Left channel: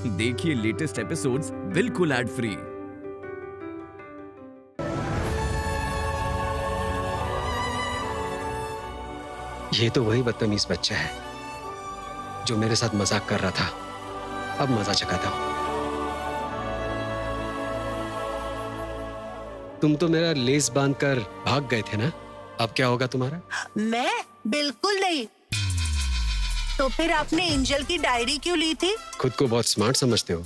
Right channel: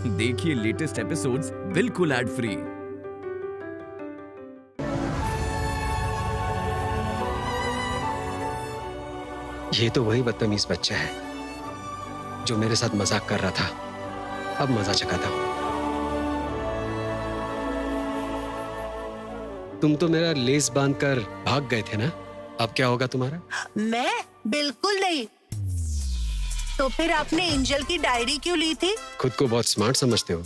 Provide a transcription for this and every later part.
देखिए latest episodes बिल्कुल ad free. ये तो वही बदतमीज बच्चा है जो मेरे साथ मजाक कर रहा था। अब मजा चखाता हूं। तुम तो मेरा लेस बांधकर भाग गए थे ना, अब क्या होगा तुम्हारा? मैं बिल्कुल नहीं। तो फिर आपने एंजल की डायरी क्यों ली थी? खुद को बहुत स्मार्ट समझते हो।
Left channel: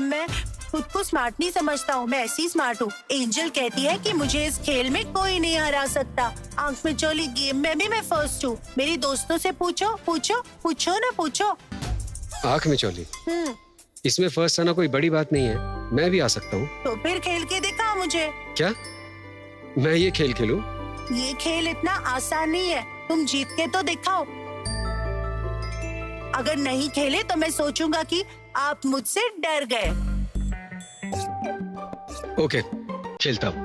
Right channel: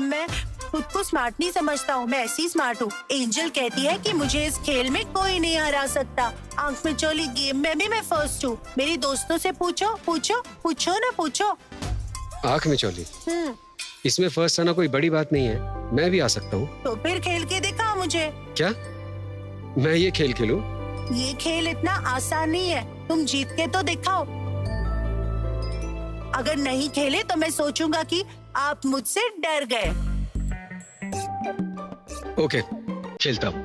मैं खुद को स्मार्ट नहीं समझता हूँ, मैं ऐसी स्मार्ट हूँ। एंजल कहती है कि मुझे इस खेल में कोई नहीं हरा सकता। आंख में चोली गेम में भी मैं फर्स्ट हूँ। मेरी दोस्तों से पूछो पूछो पूछो ना पूछो। आंख में चोली? इसमें फर्स्ट आना कोई बड़ी बात नहीं है, मैं भी आ सकता हूँ। तो फिर खेल के दिखाओ मुझे। क्या मैं ये खेल खेलूं? ये खेल इतना आसान नहीं है, तुम जीत के तो दिखाओ। अगर नहीं खेले तो मैं सोचूंगा कि आप मुझसे डर गए। ओके, खेलता हूँ।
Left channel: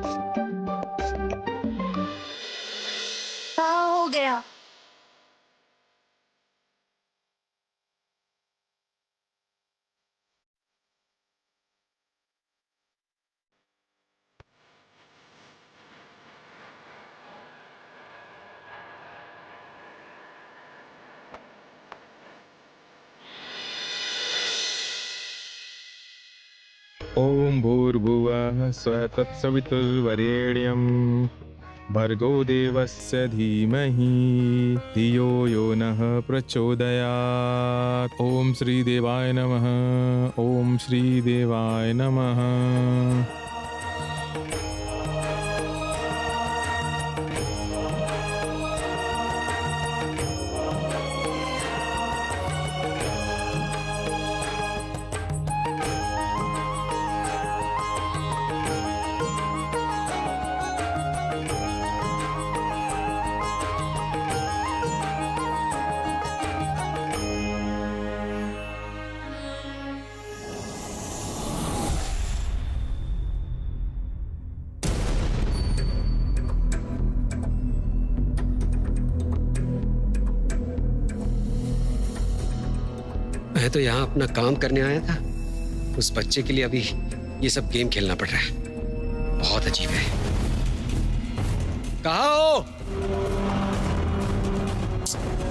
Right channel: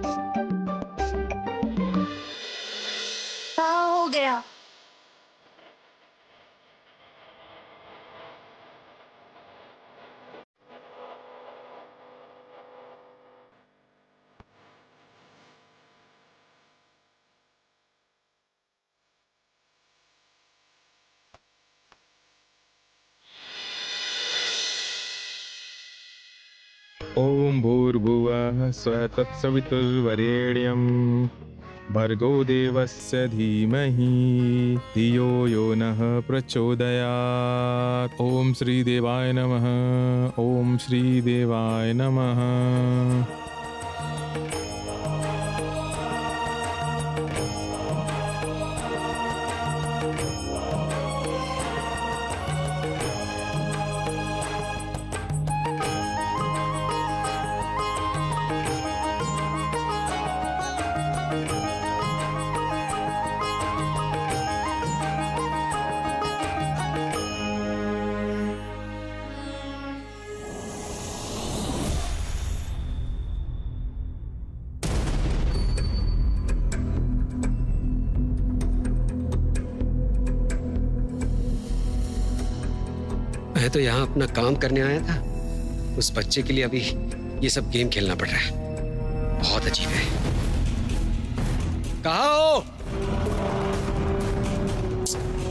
हाँ, हो गया। ओम भूर्भुवः स्वः तत्सवितुर्वरेण्यं भर्गो देवस्य धीमहि धियो यो नः प्रचोदयात्। ओम श्री देवाय नमः। ओम श्री देवाय नमः। मैं तो यहाँ अपना काम करने आया था, उस बच्चे के लिए अभी ये सब गेम खेलना पड़ रहा है। बहुत अजीब है। कहाँ हो?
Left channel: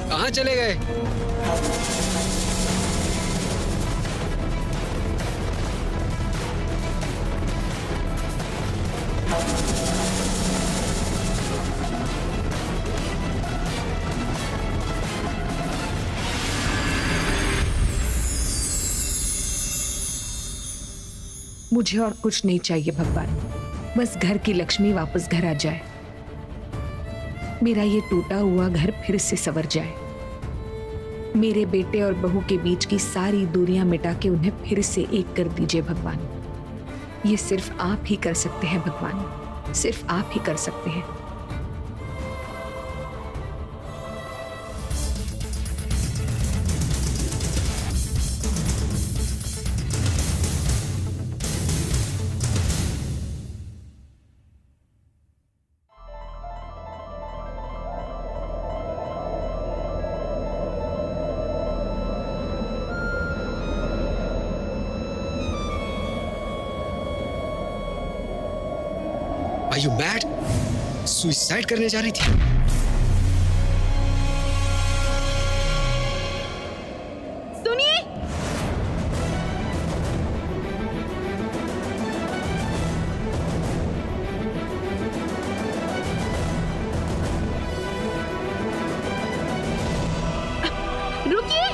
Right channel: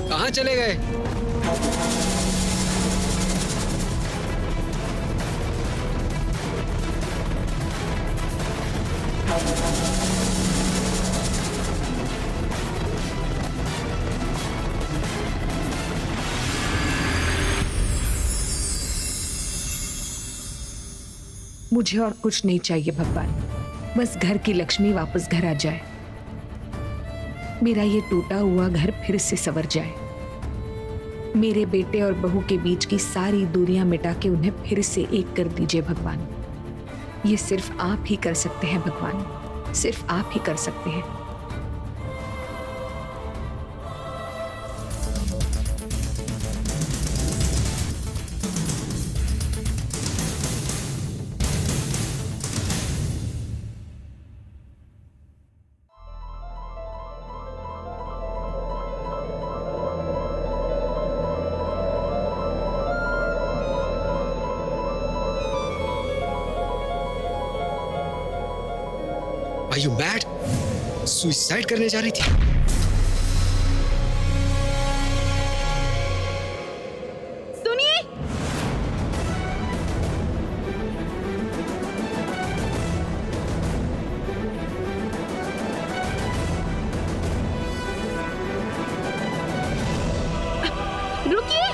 कहाँ चले गए? मुझे और कुछ नहीं चाहिए भगवान, बस घर की लक्ष्मी वापस घर आ जाए। मेरा ये टूटा हुआ घर फिर से संवर जाए। मेरे बेटे और बहू के बीच की सारी दूरियां मिटा के उन्हें फिर से एक कर दीजिए भगवान। ये सिर्फ आप ही कर सकते हैं भगवान, सिर्फ आप ही कर सकते हैं। Are you mad? सुसाइड करने जा रही थी? सुनिए, रुकिए।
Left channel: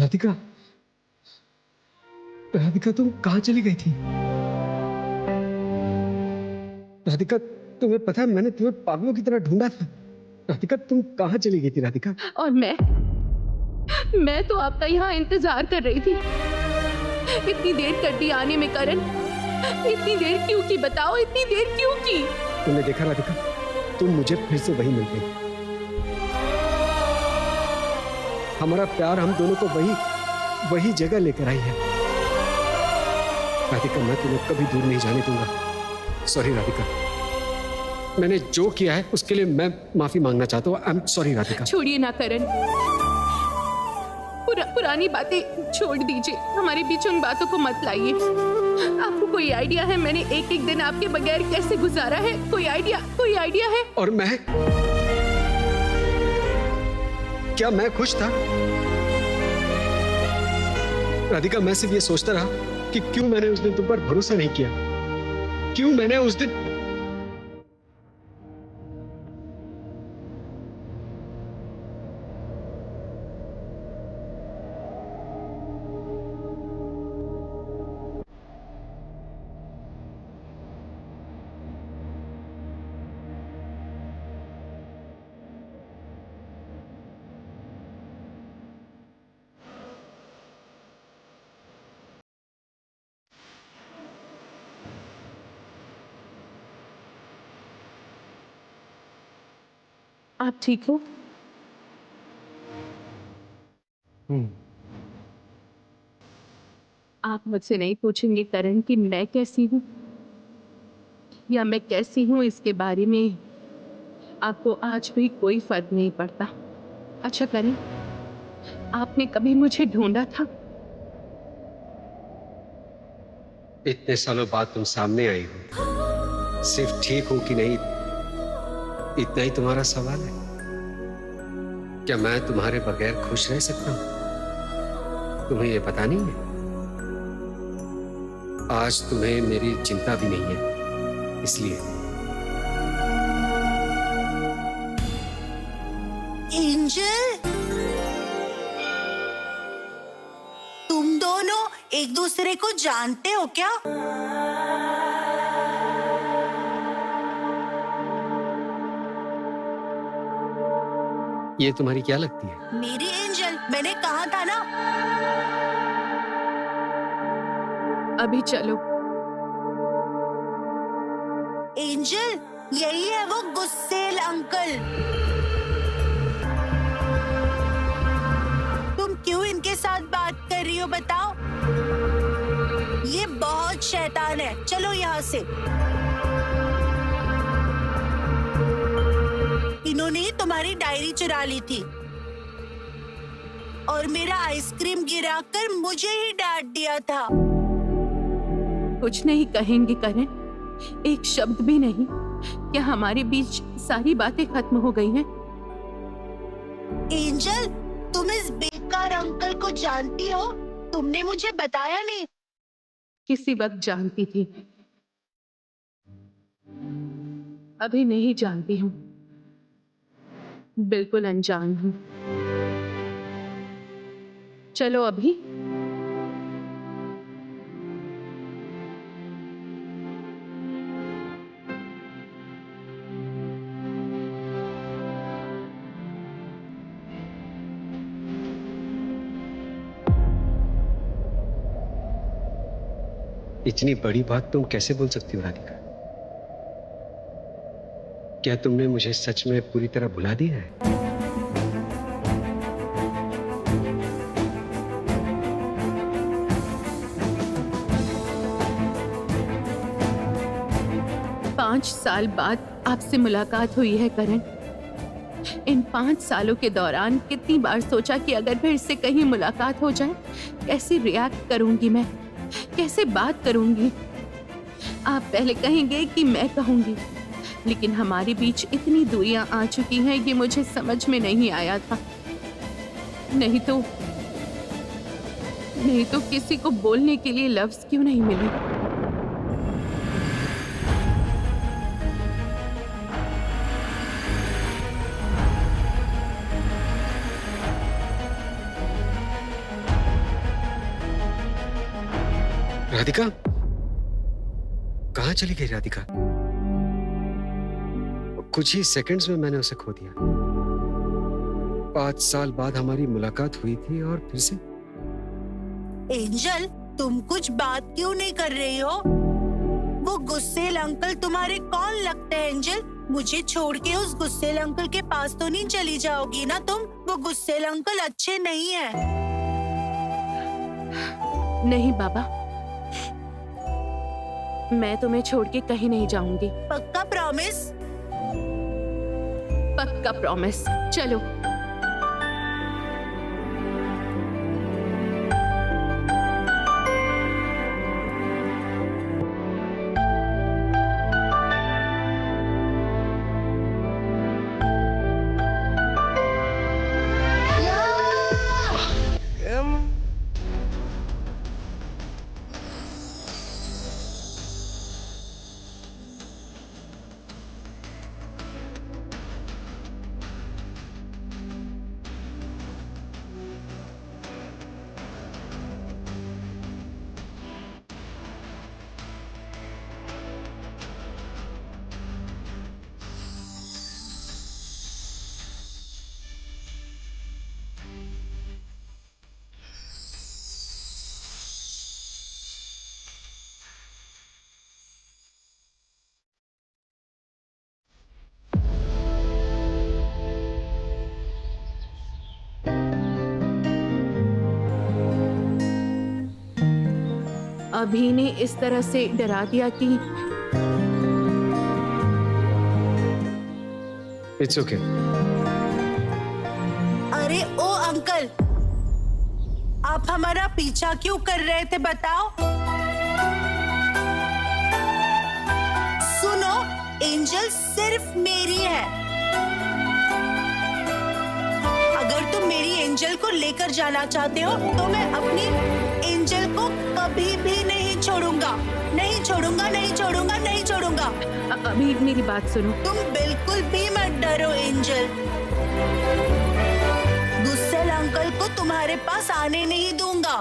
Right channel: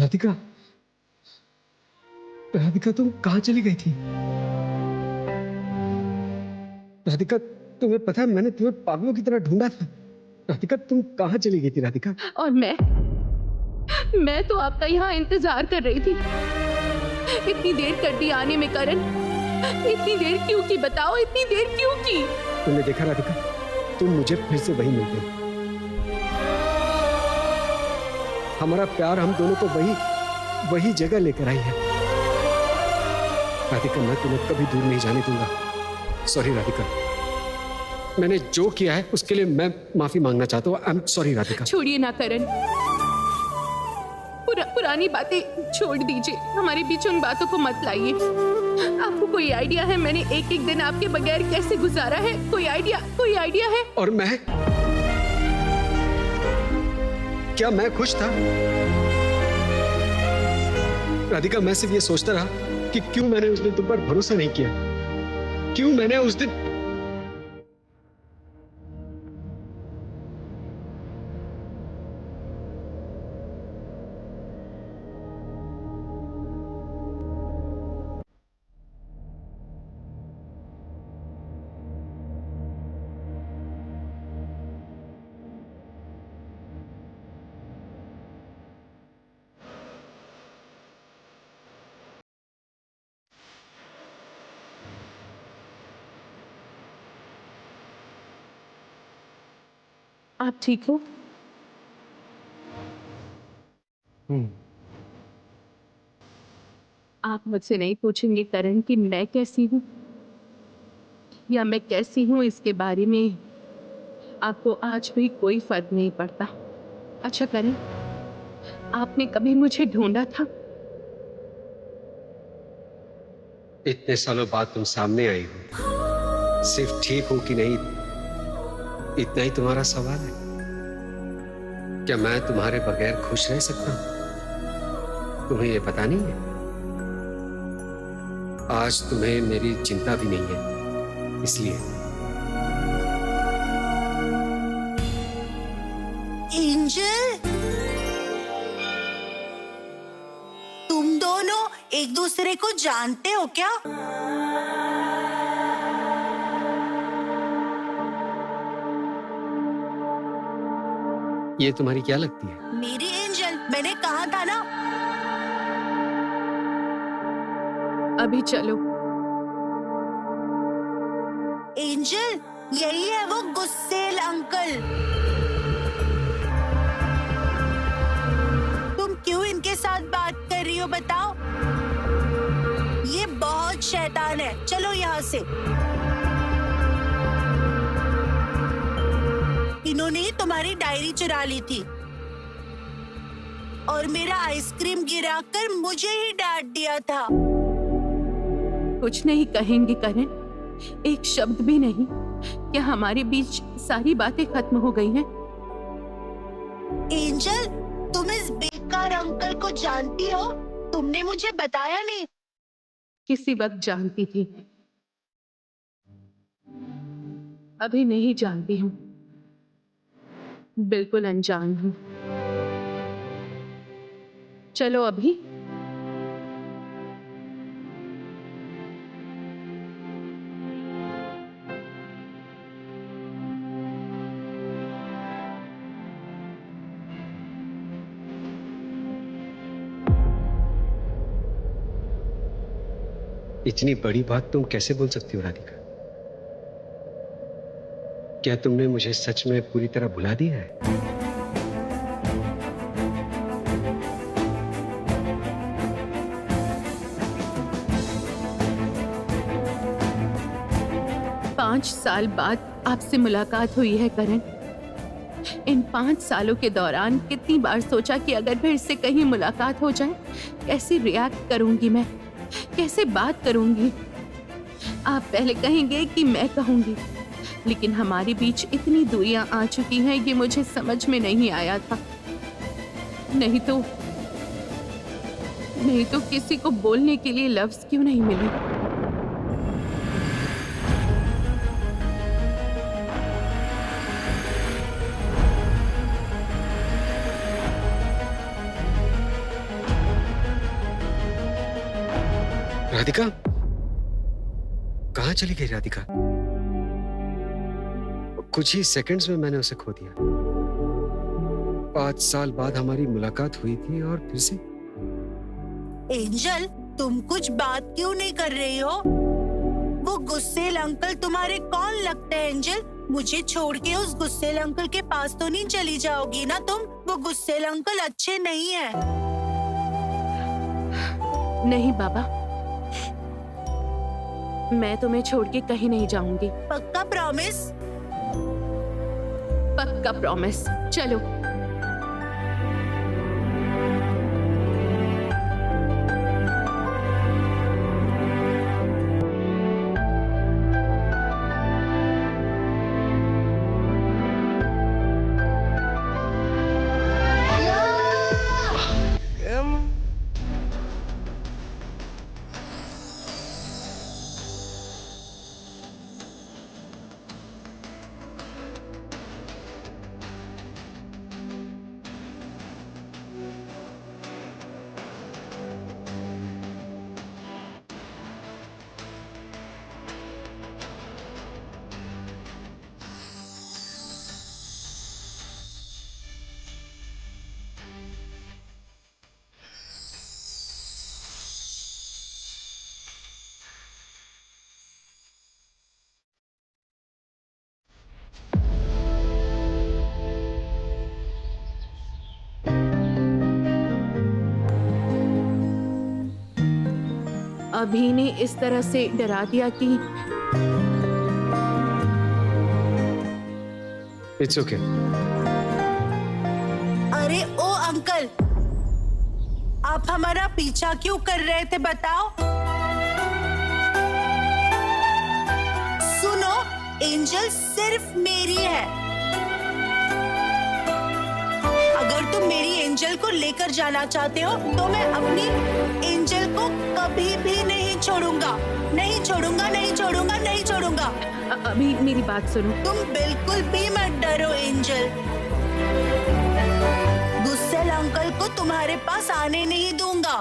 राधिका, राधिका तुम कहाँ चली गई थी? राधिका, तुम्हें पता है मैंने तुम्हें पागलों की तरह ढूंढा था। राधिका, तुम कहाँ चली गई थी राधिका? और मैं तो आपका यहाँ इंतजार कर रही थी। इतनी देर कर दी आने में करण, इतनी देर क्यों की? बताओ, इतनी देर क्यों की? तुमने देखा राधिका, तुम मुझे फिर से वही मिल गई। हमारा प्यार हम दोनों को वही जगह लेकर आई है। राधिका, मैं तुम्हें कभी दूर नहीं जाने दूंगा। सॉरी राधिका, मैंने जो किया है उसके लिए मैं माफी मांगना चाहता हूँ। I am sorry Radhika. छोड़िए ना करण, पुरानी बातें छोड़ दीजिए, हमारे बीच उन बातों को मत लाइए। आपको कोई आइडिया है मैंने एक एक दिन आपके बगैर कैसे गुजारा है? कोई आइडिया है? और मैं, क्या मैं खुश था? राधिका, मैं सिर्फ ये सोचता रहा कि क्यों मैंने उस दिन तुम पर भरोसा नहीं किया, क्यों मैंने उस दिन। आप ठीक हो? आप मुझसे नहीं पूछेंगे करण कि मैं कैसी हूँ या मैं कैसी हूँ, इसके बारे में आपको आज भी कोई फर्क नहीं पड़ता। अच्छा करण, आपने कभी मुझे ढूंढा था? इतने सालों बाद तुम सामने आई हो, सिर्फ ठीक हो कि नहीं इतना ही तुम्हारा सवाल है? क्या मैं तुम्हारे बगैर खुश रह सकता हूं? तुम्हें यह पता नहीं है? आज तुम्हें मेरी चिंता भी नहीं है, इसलिए। एंजल, तुम दोनों एक दूसरे को जानते हो क्या? ये तुम्हारी क्या लगती है? मेरी एंजल, मैंने कहा था ना। अभी चलो। एंजल, यही है वो गुस्सेल अंकल। तुम क्यों इनके साथ बात कर रही हो बताओ? ये बहुत शैतान है। चलो यहाँ से। इन्होंने ही तुम्हारी डायरी चुरा ली थी और मेरा आइसक्रीम गिराकर मुझे ही डांट दिया था। कुछ नहीं कहेंगे करण, एक शब्द भी नहीं। क्या हमारे बीच सारी बातें खत्म हो गई हैं? एंजल, तुम इस बेकार अंकल को जानती हो? तुमने मुझे बताया नहीं। किसी वक्त जानती थी, अभी नहीं जानती हूँ। बिल्कुल अनजान हूँ। चलो अभी। इतनी बड़ी बात तुम कैसे बोल सकती हो राधिका? क्या तुमने मुझे सच में पूरी तरह भुला दिया है? पांच साल बाद आपसे मुलाकात हुई है करण। इन 5 सालों के दौरान कितनी बार सोचा कि अगर फिर से कहीं मुलाकात हो जाए, कैसे रिएक्ट करूंगी मैं, कैसे बात करूंगी। आप पहले कहेंगे कि मैं कहूंगी, लेकिन हमारे बीच इतनी दूरियां आ चुकी हैं, ये मुझे समझ में नहीं आया था। नहीं तो किसी को बोलने के लिए लफ्ज क्यों नहीं मिले। राधिका, कहाँ चली गई राधिका? कुछ ही सेकंड्स में मैंने उसे खो दिया। 5 साल बाद हमारी मुलाकात हुई थी और फिर से। एंजल, तुम कुछ बात क्यों नहीं कर रही हो? वो गुस्सेल अंकल तुम्हारे कौन लगते हैं एंजल? मुझे छोड़ के उस गुस्सेल अंकल के पास तो नहीं चली जाओगी ना तुम? वो गुस्सेल अंकल अच्छे नहीं हैं। नहीं बाबा, मैं तुम्हें छोड़ के कहीं नहीं जाऊंगी। पक्का प्रॉमिस? पक्का प्रॉमिस। चलो। अभी ने इस तरह से डरा दिया कि इट्स ओके। अरे ओ अंकल, आप हमारा पीछा क्यों कर रहे थे बताओ? सुनो, एंजल सिर्फ मेरी है। अगर तुम मेरी एंजल को लेकर जाना चाहते हो तो मैं अपनी एंजल को कभी भी नहीं छोड़ूंगा। नहीं छोड़ूंगा, नहीं छोड़ूंगा, नहीं छोड़ूंगा। अभी मेरी बात सुनो। तुम बिल्कुल भी मत डरो एंजल। गुस्सेल अंकल को तुम्हारे पास आने नहीं दूंगा।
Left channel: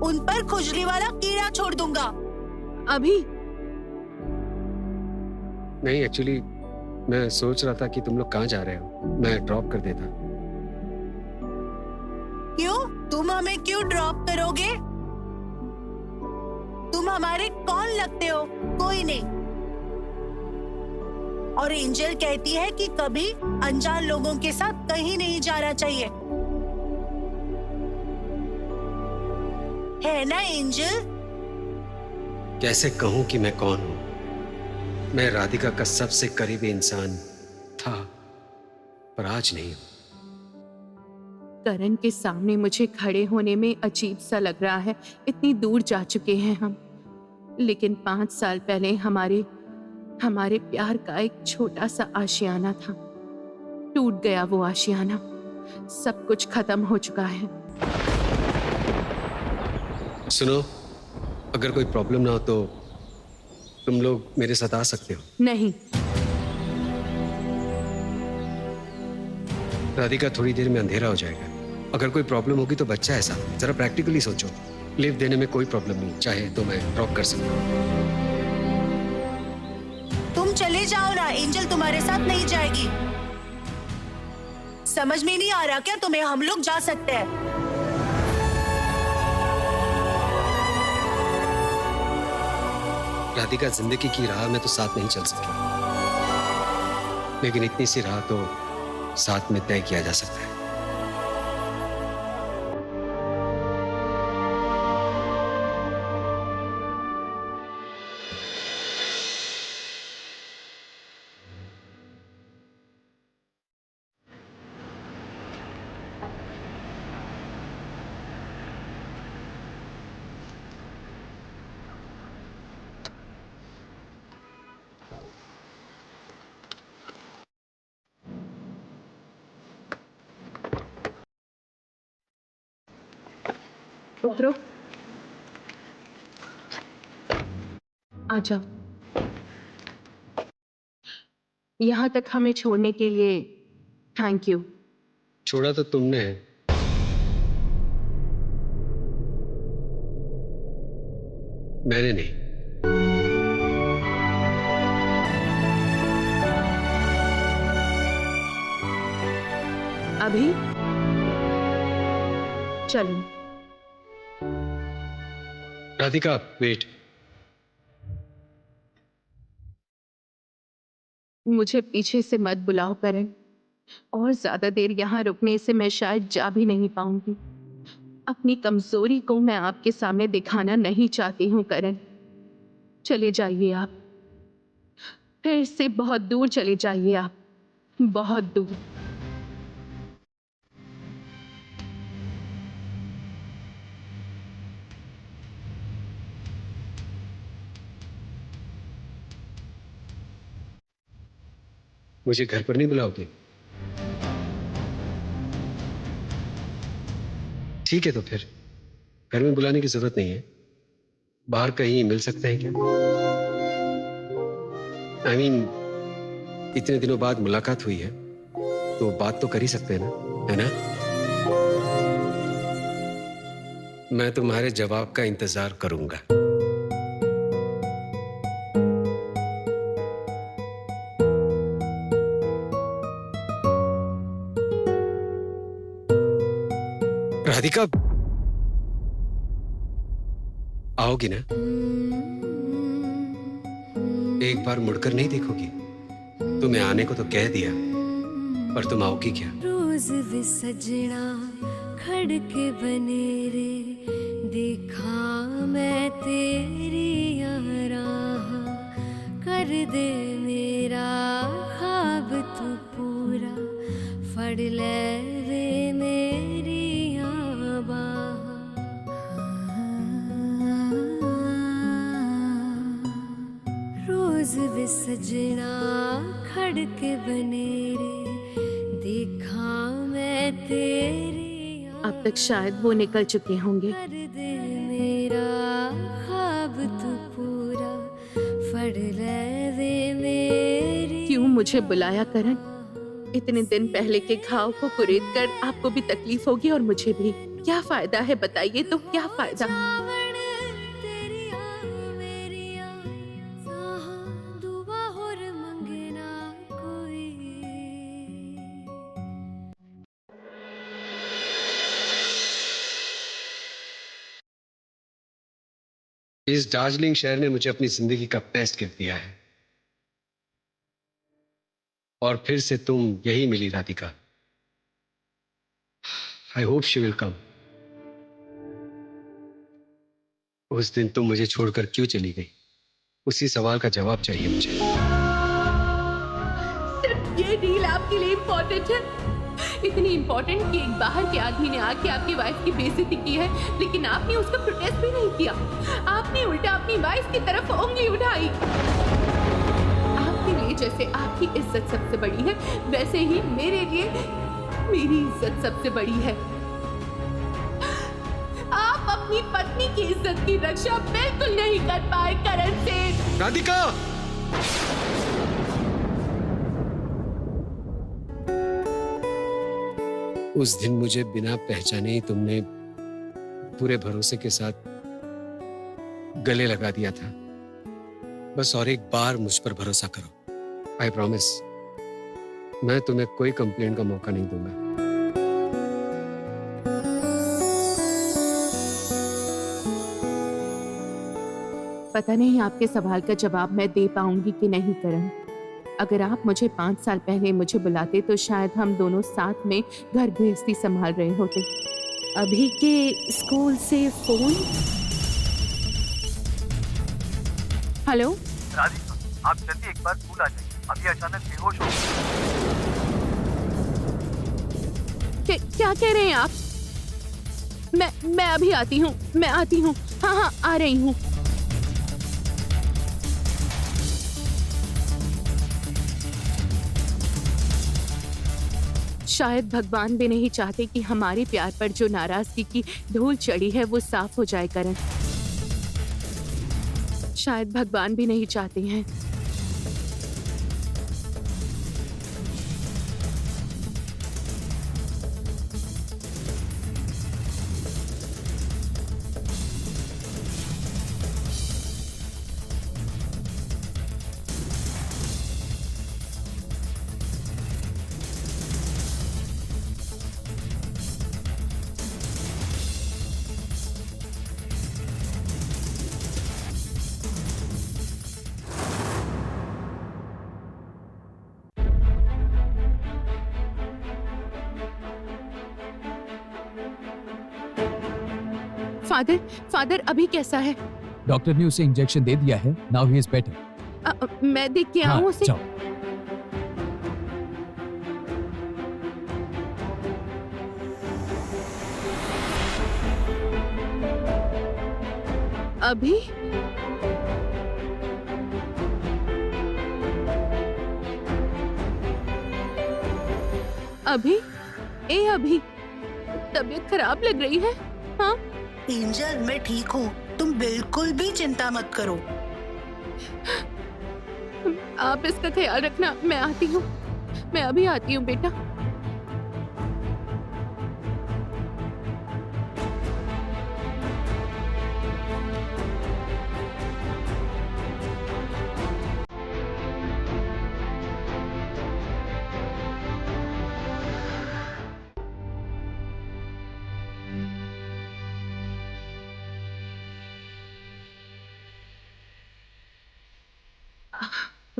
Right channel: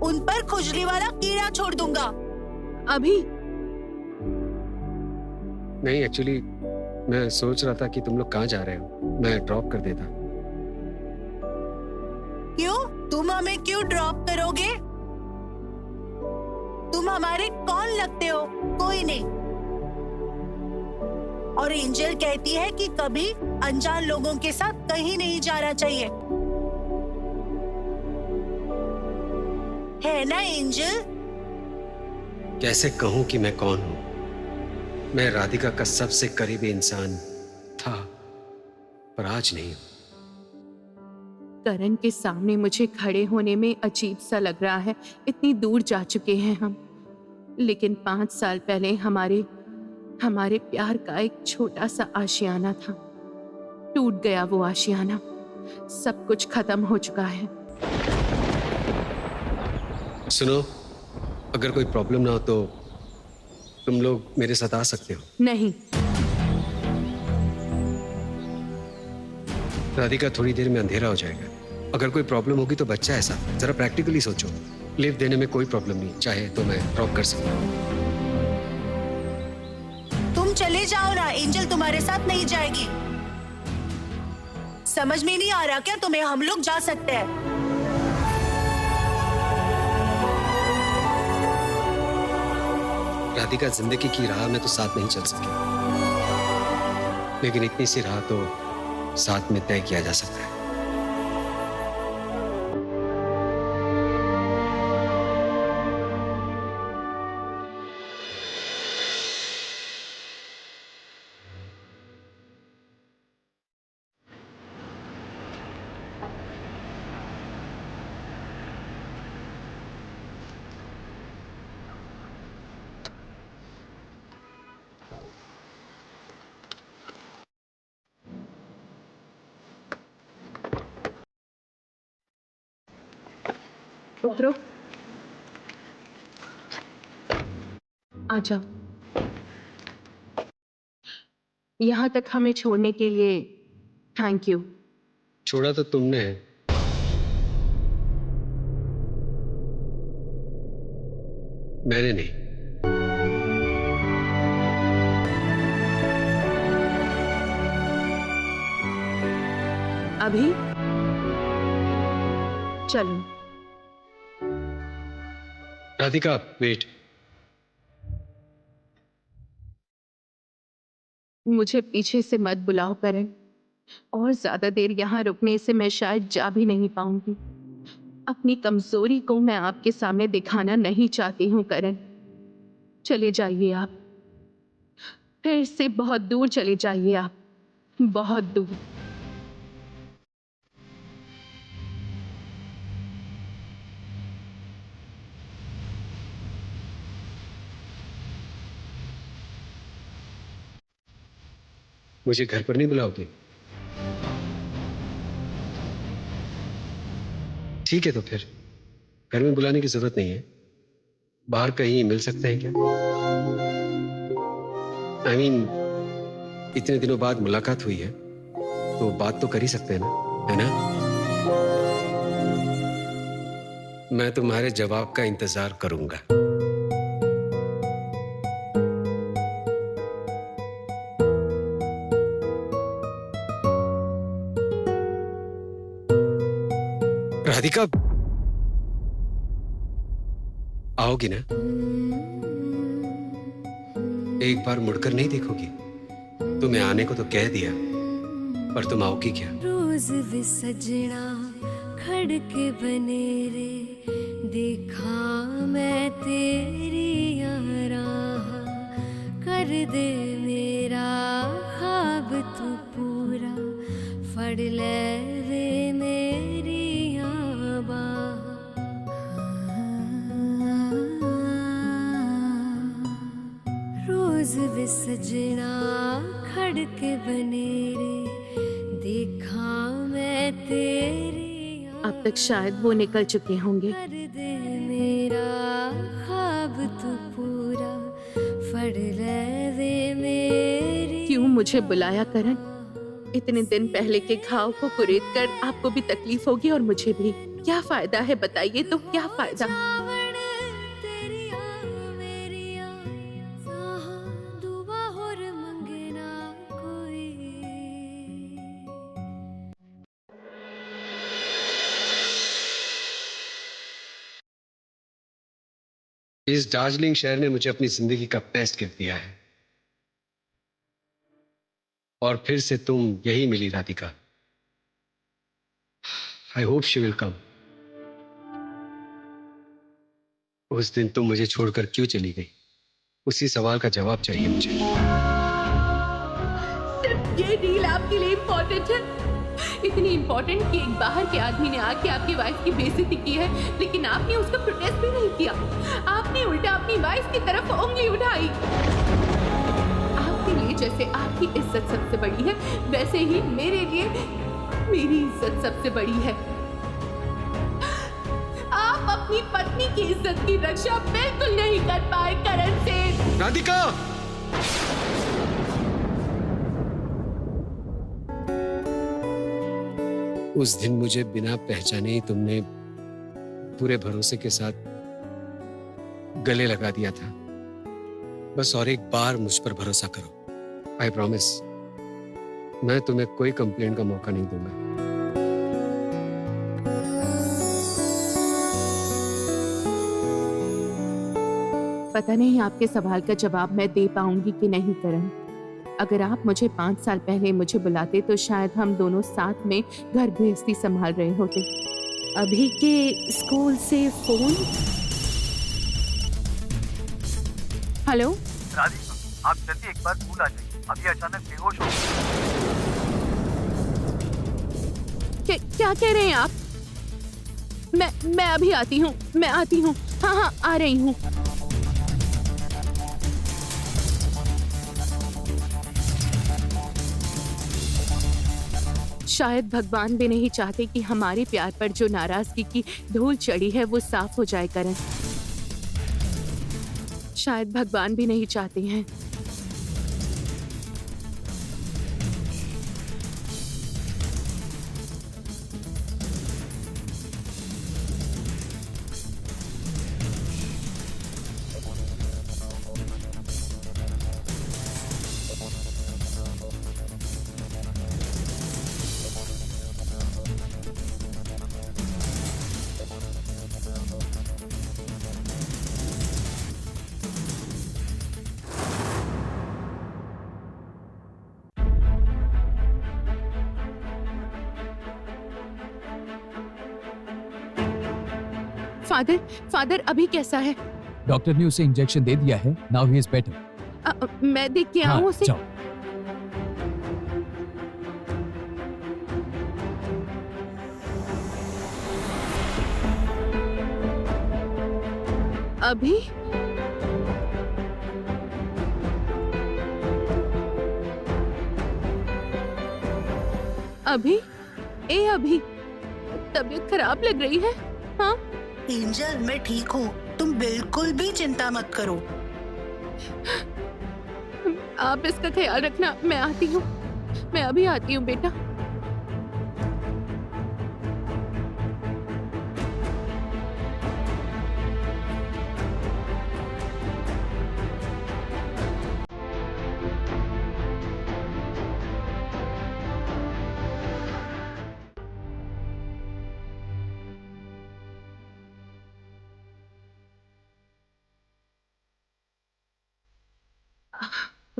उन पर खुजली वाला कीड़ा छोड़ दूंगा। अभी नहीं, एक्चुअली मैं सोच रहा था कि तुम लोग कहाँ जा रहे हो, मैं ड्रॉप कर देता। क्यों? तुम हमें क्यों ड्रॉप करोगे? तुम हमारे कौन लगते हो? कोई नहीं। और एंजल कहती है कि कभी अनजान लोगों के साथ कहीं नहीं जाना चाहिए, है ना एंजल? कैसे कहूं कि मैं कौन हूं? मैं राधिका का सबसे करीबी इंसान था, पर आज नहीं हूं। करण के सामने मुझे खड़े होने में अजीब सा लग रहा है। इतनी दूर जा चुके हैं हम, लेकिन 5 साल पहले हमारे प्यार का एक छोटा सा आशियाना था। टूट गया वो आशियाना। सब कुछ खत्म हो चुका है। सुनो, अगर कोई प्रॉब्लम ना हो तो तुम लोग मेरे साथ आ सकते हो। नहीं। राधिका, थोड़ी देर में अंधेरा हो जाएगा। अगर कोई प्रॉब्लम होगी तो बच्चा है साथ, जरा प्रैक्टिकली सोचो। लिफ्ट देने में कोई प्रॉब्लम नहीं, चाहे तो मैं ड्रॉप कर सकता हूँ। तुम चले जाओ ना, एंजल तुम्हारे साथ नहीं जाएगी। समझ में नहीं आ रहा क्या तुम्हें? हम लोग जा सकते हैं। राधिका, जिंदगी की राह में तो साथ नहीं चल सके, लेकिन इतनी सी राह तो साथ में तय किया जा सकता है। उतरो। आ जाओ। यहाँ तक हमें छोड़ने के लिए थैंक यू। छोड़ा तो तुमने है, मैंने नहीं। अभी चलो। राधिका वेट। मुझे पीछे से मत बुलाओ करण। और ज्यादा देर यहाँ रुकने से मैं शायद जा भी नहीं पाऊंगी। अपनी कमजोरी को मैं आपके सामने दिखाना नहीं चाहती हूँ करण। चले जाइए आप, फिर से बहुत दूर चले जाइए आप, बहुत दूर। मुझे घर पर नहीं बुलाओगे? ठीक है, तो फिर घर में बुलाने की जरूरत नहीं है। बाहर कहीं मिल सकते हैं क्या? I mean, इतने दिनों बाद मुलाकात हुई है तो बात तो कर ही सकते हैं ना, है ना? मैं तुम्हारे जवाब का इंतजार करूंगा। राधिका, आओगी ना? एक बार मुड़कर नहीं देखोगी? तुम्हें आने को तो कह दिया, पर तुम आओगी क्या? रोज वे सजना खड़के बने रे, देखा मैं तेरी राह, कर दे मेरा ख्वाब तू पूरा, फड़ ले वे मेरी बाह। रोज वे सजना खड़के बने रे, देखा मैं तेरी। अब तक शायद वो निकल चुके होंगे। कर दे मेरा ख्वाब तू पूरा, फड़ ले वे मेरी। क्यों मुझे बुलाया करण? इतने दिन पहले के घाव को कुरेद कर आपको भी तकलीफ होगी और मुझे भी। क्या फायदा है बताइए, तो क्या फायदा? इस दार्जिलिंग शहर ने मुझे अपनी जिंदगी का बेस्ट गिफ्ट दिया है, और फिर से तुम यही मिली Radhika. I hope she will come. उस दिन तुम मुझे छोड़कर क्यों चली गई, उसी सवाल का जवाब चाहिए मुझे। सिर्फ ये डील आपके लिए इम्पोर्टेंट है? इतनी इम्पोर्टेंट कि एक बाहर के आदमी ने आके आपकी वाइफ की बेइज्जती की है, लेकिन आपने उसका प्रोटेस्ट भी नहीं किया। आपने उल्टा अपनी वाइफ की तरफ उंगली उठाई। आपके लिए जैसे आपकी इज्जत सबसे बड़ी है, वैसे ही मेरे लिए मेरी इज्जत सबसे बड़ी है। आप अपनी पत्नी की इज्जत की रक्षा बिल्कुल नहीं कर पाए करण से। राधिका, उस दिन मुझे बिना पहचाने ही तुमने पूरे भरोसे के साथ गले लगा दिया था। बस और एक बार मुझ पर भरोसा करो। आई प्रॉमिस, मैं तुम्हें कोई कंप्लेंट का मौका नहीं दूंगा। पता नहीं आपके सवाल का जवाब मैं दे पाऊंगी कि नहीं करण। अगर आप मुझे 5 साल पहले मुझे बुलाते तो शायद हम दोनों साथ में घर गृहस्थी संभाल रहे होते। अभी के स्कूल से फोन। हेलो राधिका, आप जल्दी एक बार स्कूल आ जाइए, अभी अचानक बेहोश हो गए। क्या कह रहे हैं आप? मैं अभी आती हूँ, मैं आती हूँ। हाँ, आ रही हूँ। शायद भगवान भी नहीं चाहते कि हमारे प्यार पर जो नाराजगी की धूल चढ़ी है वो साफ हो जाए करण। शायद भगवान भी नहीं चाहते हैं। फादर अभी कैसा है? डॉक्टर ने उसे इंजेक्शन दे दिया है। Now he is better. मैं देख के आऊं उसे? जाओ। अभी अभी तबीयत खराब लग रही है। हाँ एंजल, मैं ठीक हूँ, तुम बिल्कुल भी चिंता मत करो। आप इसका ख्याल रखना, मैं आती हूँ, मैं अभी आती हूँ बेटा।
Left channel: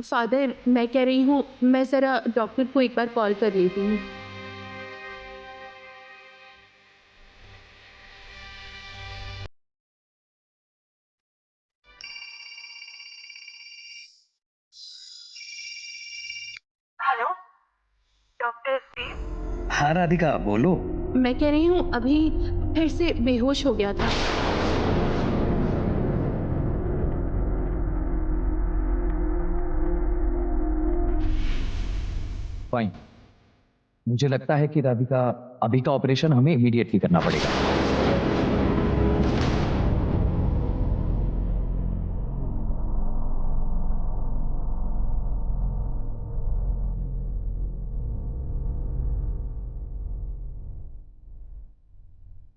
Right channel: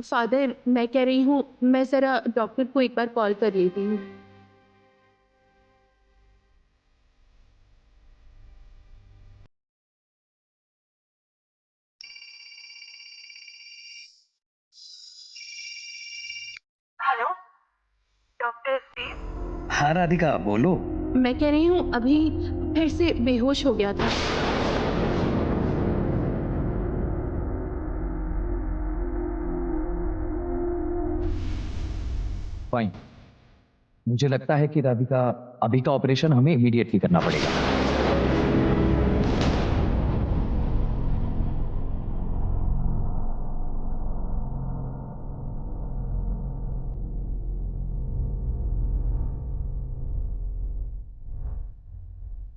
फादर, मैं कह रही हूँ मैं जरा डॉक्टर को एक बार कॉल कर लेती हूँ। हेलो, डॉक्टर देव। हाँ राधिका, बोलो। मैं कह रही हूँ अभी फिर से बेहोश हो गया था। फाइन। मुझे लगता है कि राधिका, अभी का ऑपरेशन हमें इमीडिएटली करना पड़ेगा।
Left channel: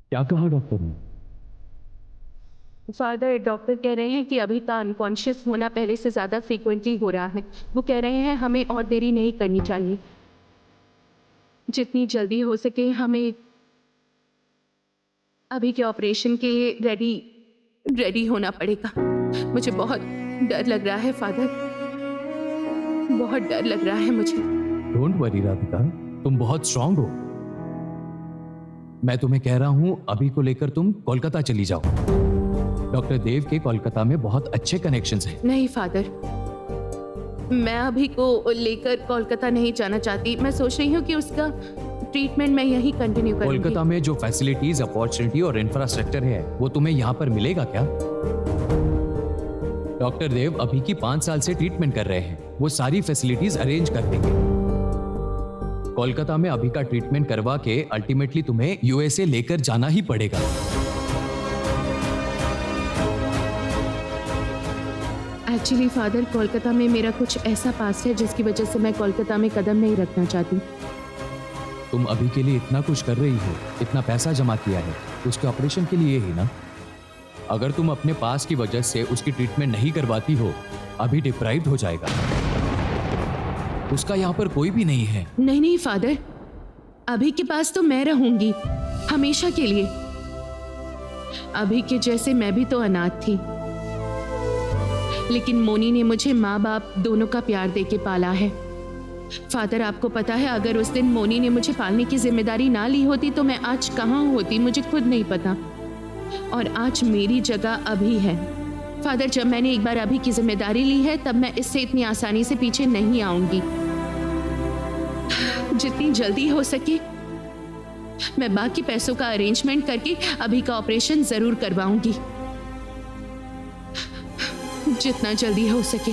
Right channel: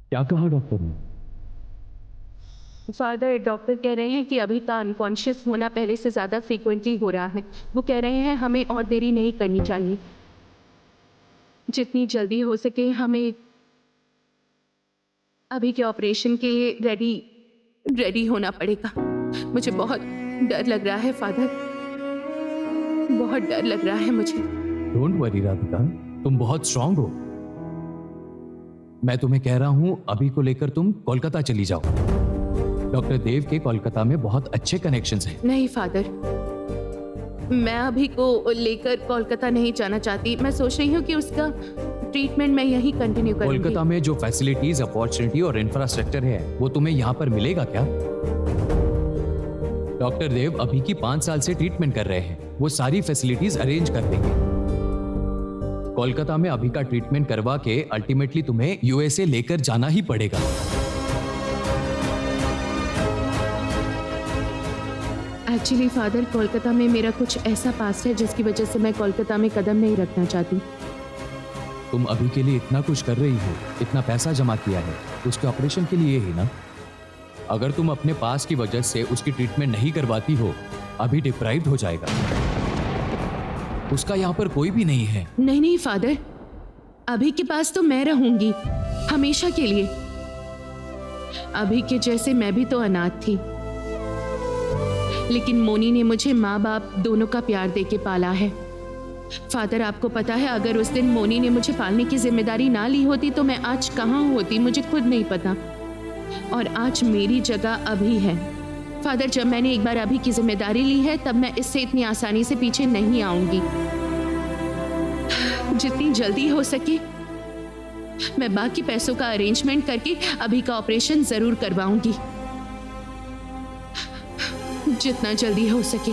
क्या कहा डॉक्टर ने? फादर, डॉक्टर कह रहे हैं कि अभी का अनकॉन्शियस होना पहले से ज्यादा फ्रीक्वेंटली हो रहा है। वो कह रहे हैं हमें और देरी नहीं करनी चाहिए, जितनी जल्दी हो सके हमें अभी के ऑपरेशन के रेडी होना पड़ेगा। मुझे बहुत डर लग रहा है फादर, बहुत डर लग रहा है मुझे। डोंट वरी राधिका, तुम बहुत स्ट्रांग हो। मैं तुम्हें कह रहा हूं अभी को लेकर तुम कोलकाता चली जाओ। डॉक्टर देव के कोलकाता में बहुत अच्छे कनेक्शंस हैं। नहीं फादर, मैं अभी को लेकर कोलकाता नहीं जाना चाहती। मैं सोच रही हूँ कि उसका ट्रीटमेंट मैं यहीं कंटिन्यू करूंगी। कोलकाता में जो फैसिलिटीज, अपॉर्चुनिटी और इंफ्रास्ट्रक्चर है वो तुम्हें यहाँ पर मिलेगा क्या? डॉक्टर देव अभी की 5 साल से ट्रीटमेंट कर रहे हैं, वो सारी फैसिलिटीज अरेंज कर देंगे। कोलकाता में अभी का ट्रीटमेंट करवा के अल्टीमेटली तुम्हें यूएसए लेकर जाना ही पड़ेगा। एक्चुअली फादर, कोलकाता में मेरा कुछ ऐसा पास्ट है जिसकी वजह से मैं कोलकाता में कदम नहीं रखना चाहती। तुम अभी के लिए इतना कुछ कर रही हो, इतना पैसा जमा किया है, उसके ऑपरेशन के लिए ही ना। अगर तुम अपने पास की वजह से उसकी ट्रीटमेंट नहीं करवाती हो, अभी डिप्राइव्ड हो जाएगा। उसका यहाँ पर कोई भी नहीं है। नहीं फादर, अभी के पास तो मैं रहूंगी हमेशा के लिए। अभी के जैसे मैं भी तो अनाथ थी, लेकिन मोनी ने मुझे माँ बाप दोनों का प्यार देके पाला है। फादर, आपको पता है अगर उस दिन मोनी ने मुझे पालने की जिम्मेदारी ना ली होती तो मैं आज कहाँ होती मुझे खुद नहीं पता। और आज मेरी जगह अभी है। फादर, जब मैंने एक बार अभी की जिम्मेदारी ली है तब मैं इससे इतनी आसानी से पीछे नहीं आऊंगी। जितनी जल्दी हो सके मैं बाकी पैसों का अरेंजमेंट करके अभी का ऑपरेशन जरूर करवाऊंगी, जितना जल्दी हो सके।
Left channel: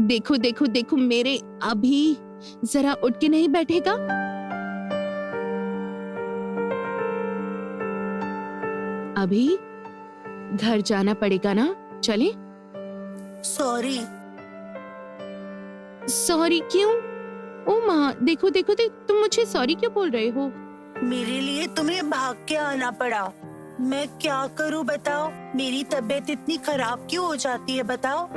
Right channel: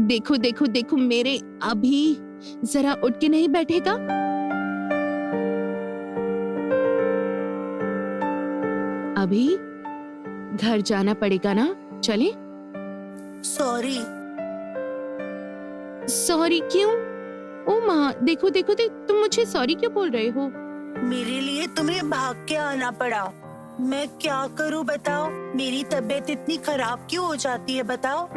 देखो देखो देखो, मेरे अभी जरा उठ के नहीं बैठेगा? अभी घर जाना पड़ेगा ना, चले? सॉरी। सॉरी क्यों? ओ माँ, देखो देखो तुम मुझे सॉरी क्यों बोल रहे हो? मेरे लिए तुम्हें भाग के आना पड़ा। मैं क्या करूं बताओ? मेरी तबीयत इतनी खराब क्यों हो जाती है बताओ?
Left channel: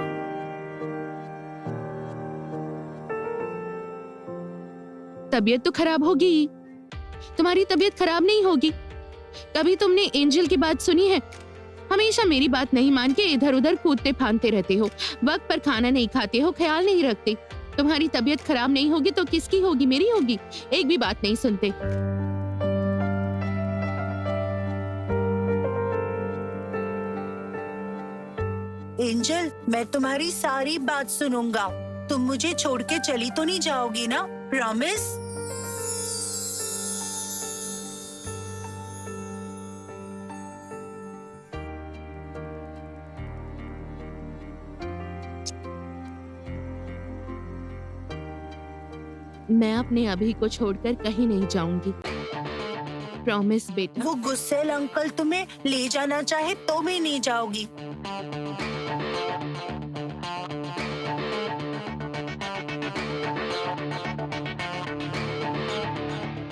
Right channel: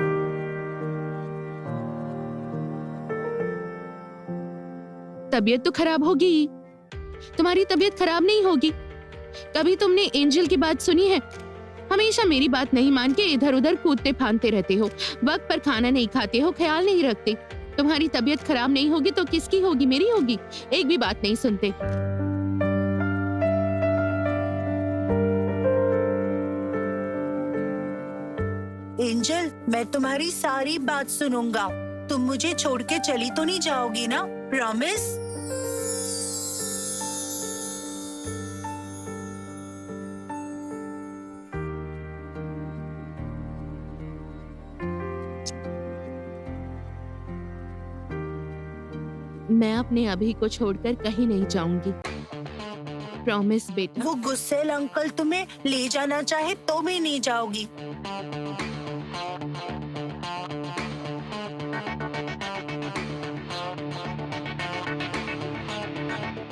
तबीयत तो खराब होगी, तुम्हारी तबीयत खराब नहीं होगी। कभी तुमने एंजल की बात सुनी है? हमेशा मेरी बात नहीं मान के इधर उधर कूदते फांदते रहते हो, वक्त पर खाना नहीं खाते हो, ख्याल नहीं रखते। तुम्हारी तबीयत खराब नहीं होगी तो किसकी होगी? मेरी होगी। एक भी बात नहीं सुनते। एंजल, मैं तुम्हारी सारी बात सुनूंगा। तुम मुझे छोड़ के चली तो नहीं जाओगी ना? प्रॉमिस? मैं अपने अभी को छोड़कर कहीं नहीं जाऊंगी। प्रॉमिस बेटा। वो गुस्सेल अंकल तुम्हें ले जाना चाहे तो भी नहीं जाओगी?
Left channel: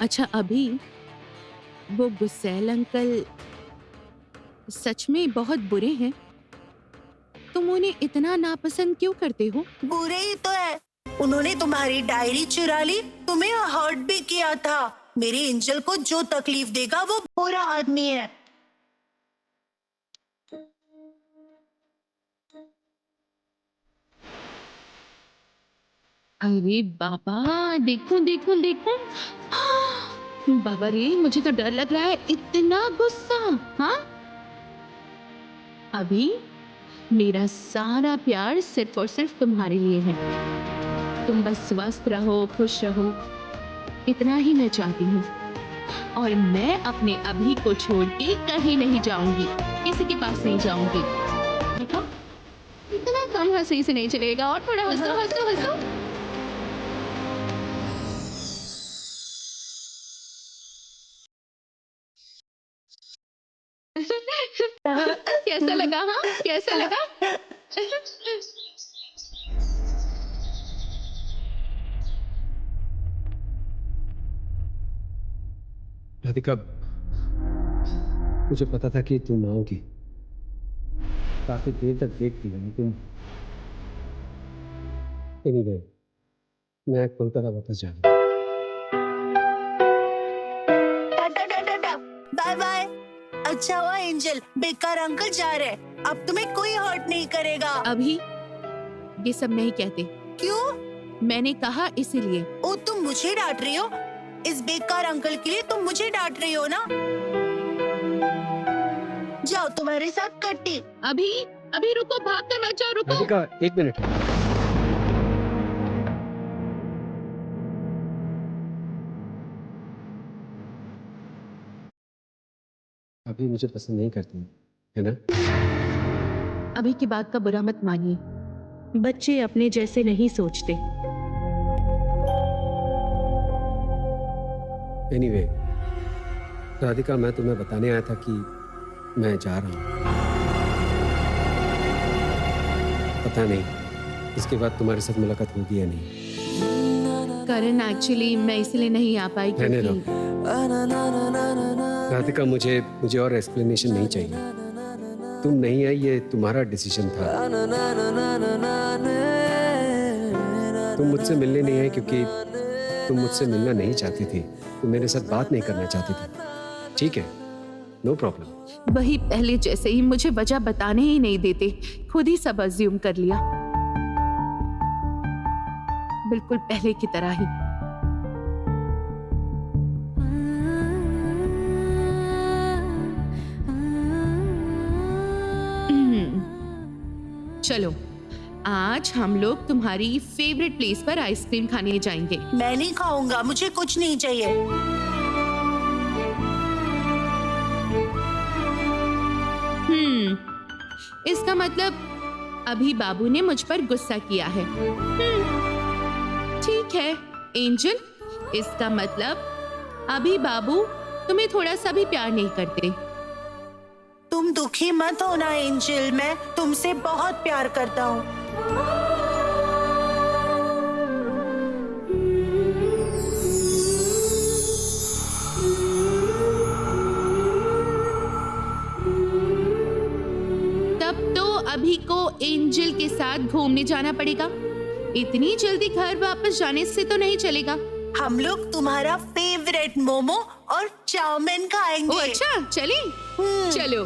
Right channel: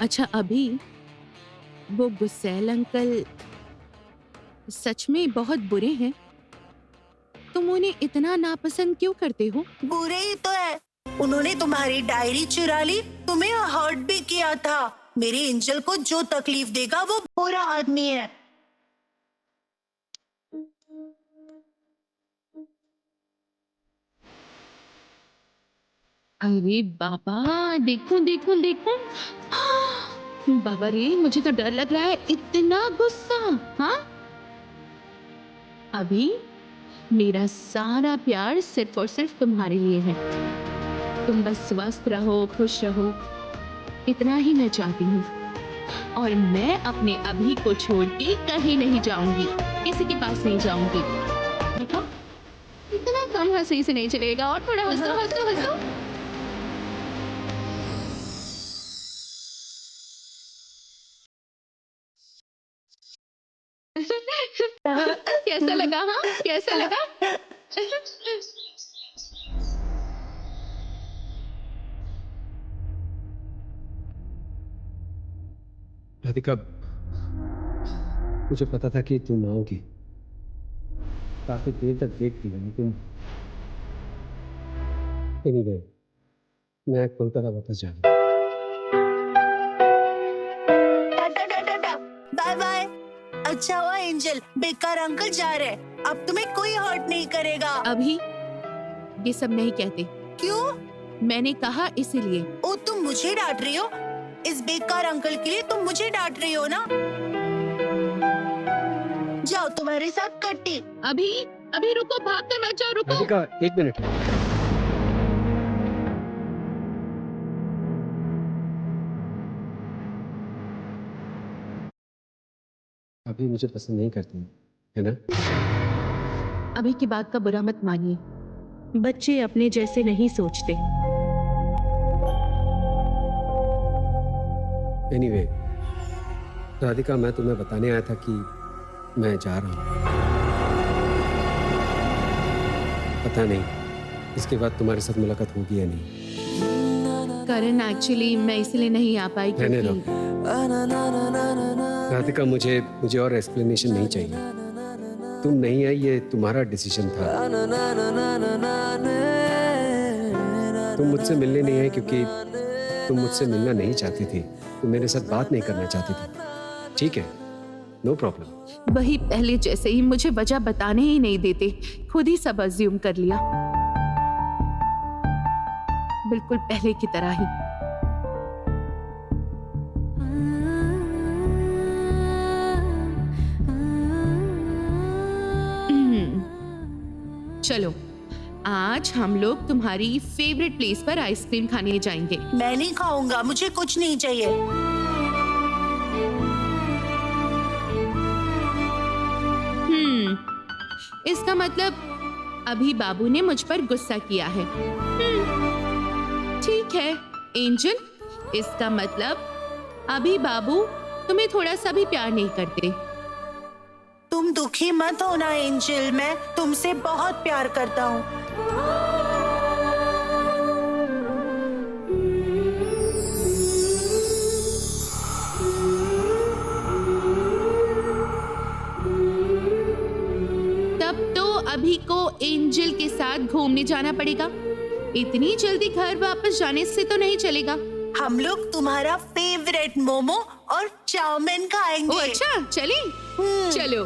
अच्छा अभी, वो गुस्सेल अंकल सच में बहुत बुरे हैं? तुम उन्हें इतना नापसंद क्यों करते हो? बुरे ही तो है। उन्होंने तुम्हारी डायरी चुरा ली, तुम्हें हर्ट भी किया था। मेरे एंजल को जो तकलीफ देगा वो बुरा आदमी है। अरे बाबा, देखो देखो देखो, बाबा रे, मुझे तो डर लग रहा है। इतना गुस्सा। हाँ, अभी मेरा सारा प्यार सिर्फ और सिर्फ तुम्हारे लिए है। तुम बस स्वस्थ रहो, खुश रहो, इतना ही मैं चाहती हूँ। और मैं अपने अभी को छोड़ के कहीं नहीं जाऊंगी, किसी के पास नहीं जाऊंगी। देखो, इतना कम हंसी से नहीं चलेगा। और थोड़ा हंसो हंसो हंसो। कैसा लगा? हाँ, कैसा लगा? राधिका, मुझे पता था कि तुम आओगी। काफी देर तक देखती रही तुम। Anyway, मैं कोलकाता वापस जा रहा हूँ। Bye bye. अच्छा हुआ एंजल, बेकार अंकल जा रहे हैं। अब तुम्हें कोई हर्ट नहीं करेगा। अभी ये सब नहीं कहते। क्यों? मैंने कहा इसीलिए। ओ, तुम मुझे डांट रही हो? इस बेकार अंकल के लिए तुम मुझे डांट रही हो ना? जाओ, तुम्हारे साथ कट्टी। अभी रुको, भाग कर मत जाओ, रुको। राधिका, एक मिनट। अभी मुझे पसंद नहीं करती है ना? अभी की बात का बुरा मत मानिए। बच्चे अपने जैसे नहीं सोचते। Anyway, राधिका, मैं तुम्हें बताने आया था कि मैं जा रहा हूँ। पता नहीं इसके बाद तुम्हारे साथ मुलाकात होगी या नहीं। करण, एक्चुअली मैं इसलिए नहीं आ पाई रहने दो। क्योंकि राधिका, मुझे और एक्सप्लेनेशन नहीं चाहिए। तुम नहीं आई, ये तुम्हारा डिसीजन था। तुम मुझसे मिलने नहीं आई क्योंकि तुम मुझसे मिलना नहीं चाहती थी। तुम मेरे साथ बात नहीं करना चाहती थी। ठीक है, नो प्रॉब्लम। वही पहले जैसे ही मुझे वजह बताने ही नहीं देते, खुद ही सब अज्यूम कर लिया, बिल्कुल पहले की तरह ही। चलो, आज हम लोग तुम्हारी फेवरेट प्लेस पर आइसक्रीम खाने जाएंगे। मैं नहीं खाऊंगा, मुझे कुछ नहीं चाहिए। इसका मतलब अभी बाबू ने मुझ पर गुस्सा किया है। ठीक है एंजल, इसका मतलब अभी बाबू तुम्हें थोड़ा सा भी प्यार नहीं करते। तुम दुखी मत होना एंजल, मैं तुमसे बहुत प्यार करता हूँ। तब तो अभी को एंजल के साथ घूमने जाना पड़ेगा। इतनी जल्दी घर वापस जाने से तो नहीं चलेगा। हम लोग तुम्हारा फेवरेट मोमो और चाउमीन खाएंगे। ओ अच्छा, चलें। चलो।